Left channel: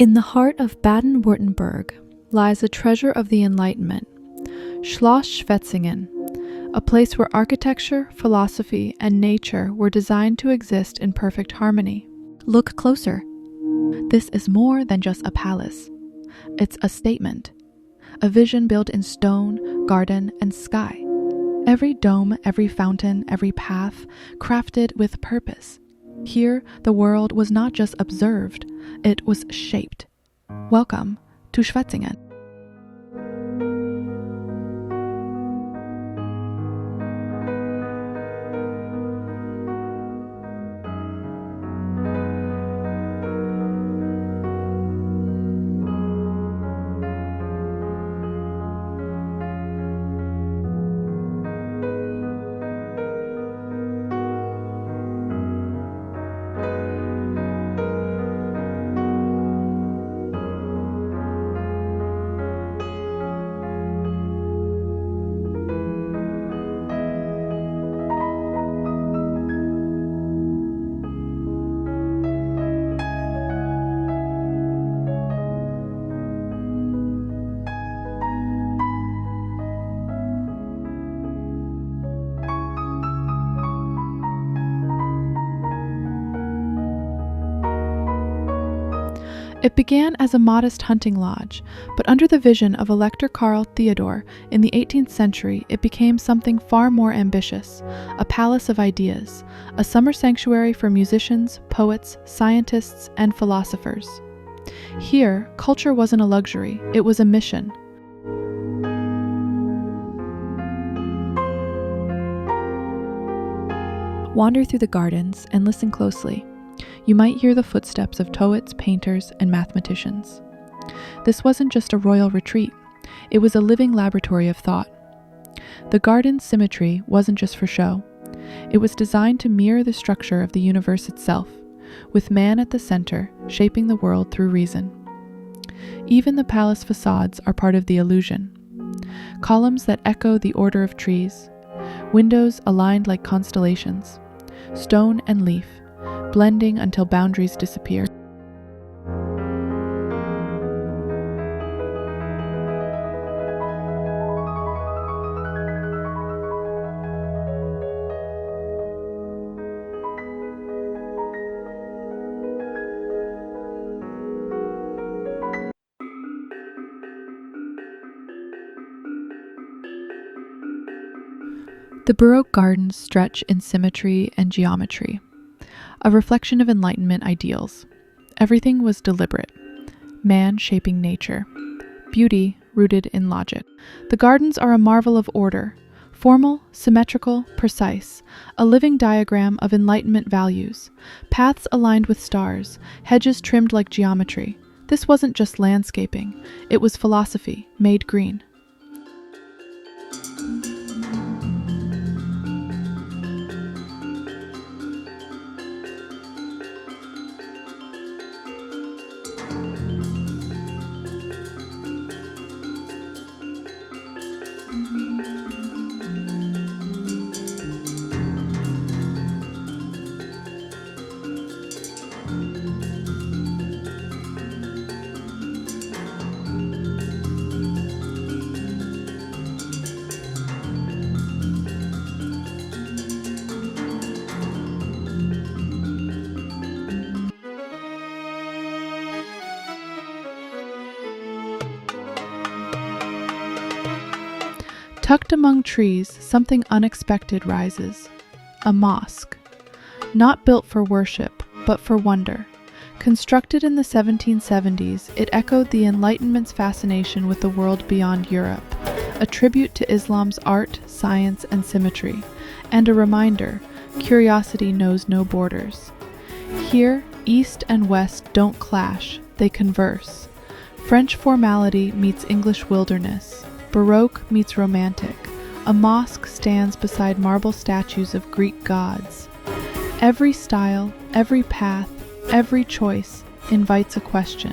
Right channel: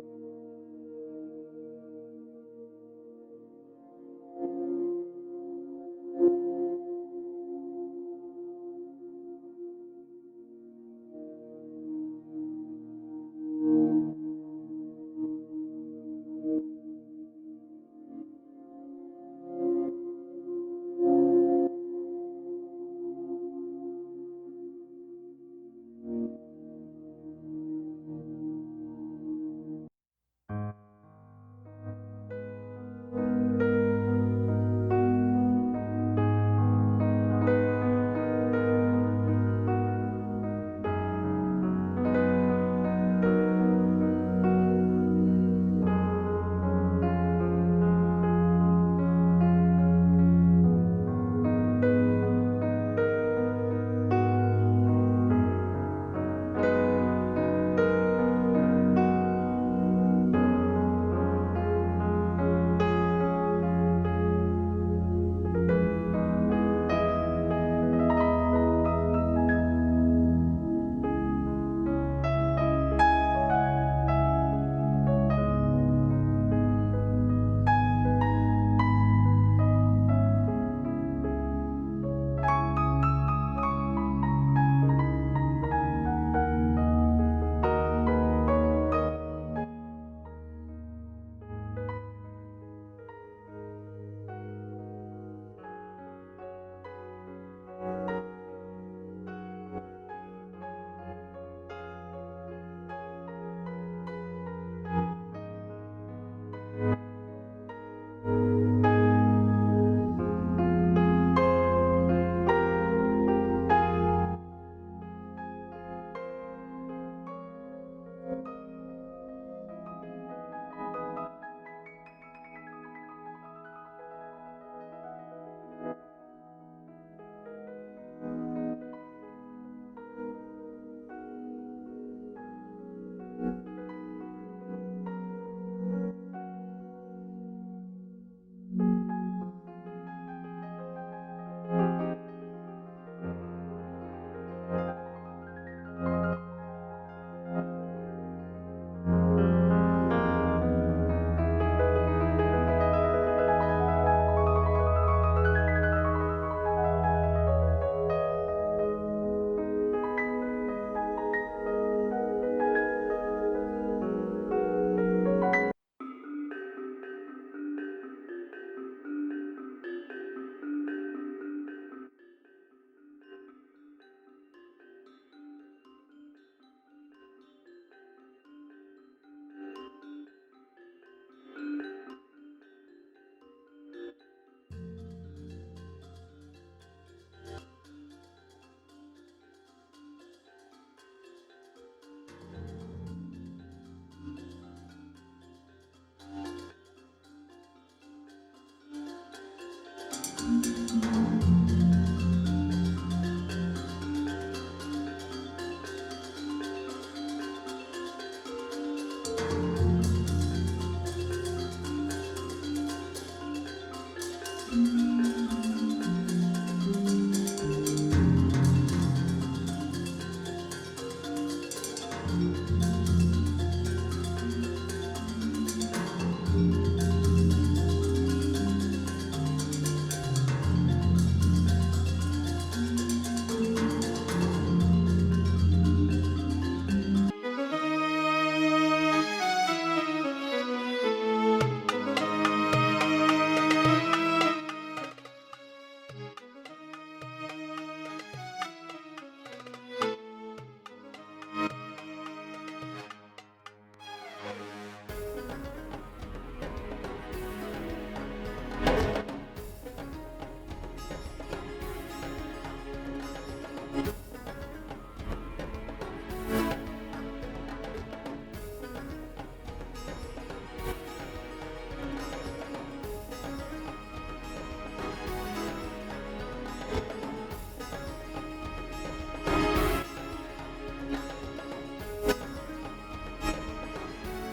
In the heart of Baden-Württemberg lies a treasure of the Enlightenment, Schloss Schwetzingen, a place where architecture, philosophy, and nature were designed to exist in perfect harmony. Look closer. This is more than just a palace. It's a statement, a vision built in stone, garden, and sky. Every dome, every fountain, every path, crafted with purpose. Here, the world was not just observed, it was shaped. Welcome to Schwetzingen. It began as a modest hunting lodge, but under the vision of Elector Carl Theodor in the 18th century, it became something far more ambitious, a palace of ideas, a summer sanctuary for musicians, poets, scientists, and philosophers. Here, culture wasn't a luxury, it was a mission. Wander through the gardens and listen closely. You might hear the footsteps of poets, painters, and mathematicians. This wasn't just a royal retreat, it was a living laboratory of thought. The garden's symmetry wasn't just for show. It was designed to mirror the structure of the universe itself, with man at the center, shaping the world through reason. Even the palace facades are part of the illusion. Columns that echo the order of trees, windows aligned like constellations, stone and leaf, blending until boundaries disappear. The Baroque gardens stretch in symmetry and geometry, a reflection of Enlightenment ideals. Everything was deliberate, man shaping nature, beauty rooted in logic. The gardens are a marvel of order, formal, symmetrical, precise, a living diagram of Enlightenment values, paths aligned with stars, hedges trimmed like geometry. This wasn't just landscaping, it was philosophy made green. Tucked among trees, something unexpected rises. A mosque. Not built for worship, but for wonder. Constructed in the 1770s, it echoed the Enlightenment's fascination with the world beyond Europe, a tribute to Islam's art, science, and symmetry, and a reminder, curiosity knows no borders. Here, East and West don't clash, they converse. French formality meets English wilderness. Baroque meets romantic. A mosque stands beside marble statues of Greek gods. Every style, every path, every choice invites a question.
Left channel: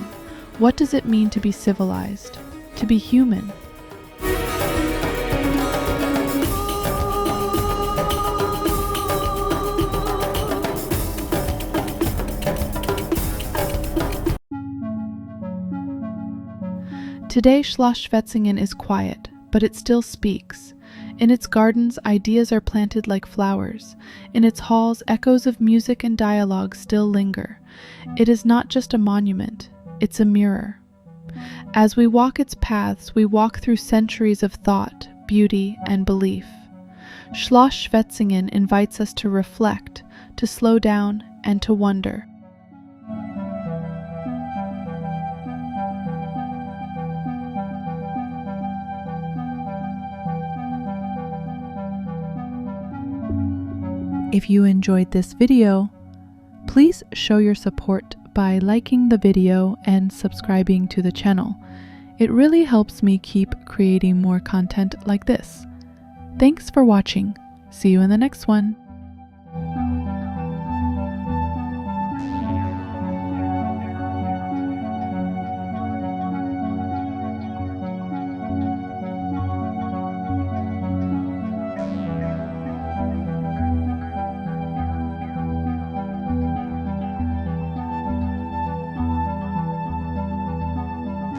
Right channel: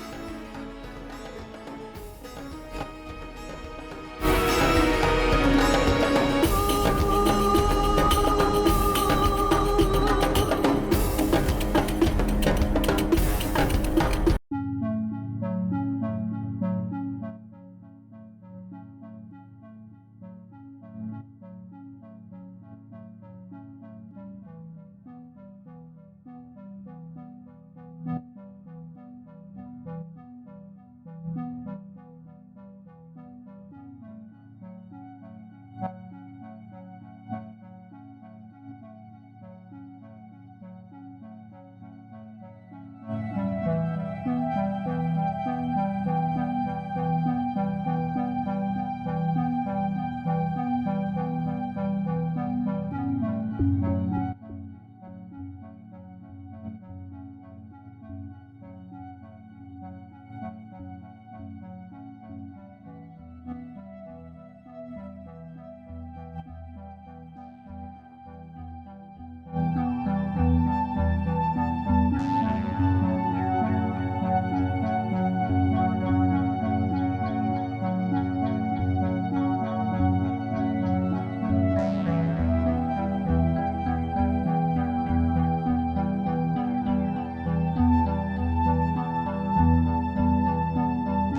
What does it mean to be civilized? To be human? Today, Schloss Schwetzingen is quiet, but it still speaks. In its gardens, ideas are planted like flowers. In its halls, echoes of music and dialogue still linger. It is not just a monument, it's a mirror. As we walk its paths, we walk through centuries of thought, beauty, and belief. Schloss Schwetzingen invites us to reflect, to slow down, and to wonder. If you enjoyed this video, please show your support by liking the video and subscribing to the channel. It really helps me keep creating more content like this. Thanks for watching. See you in the next one.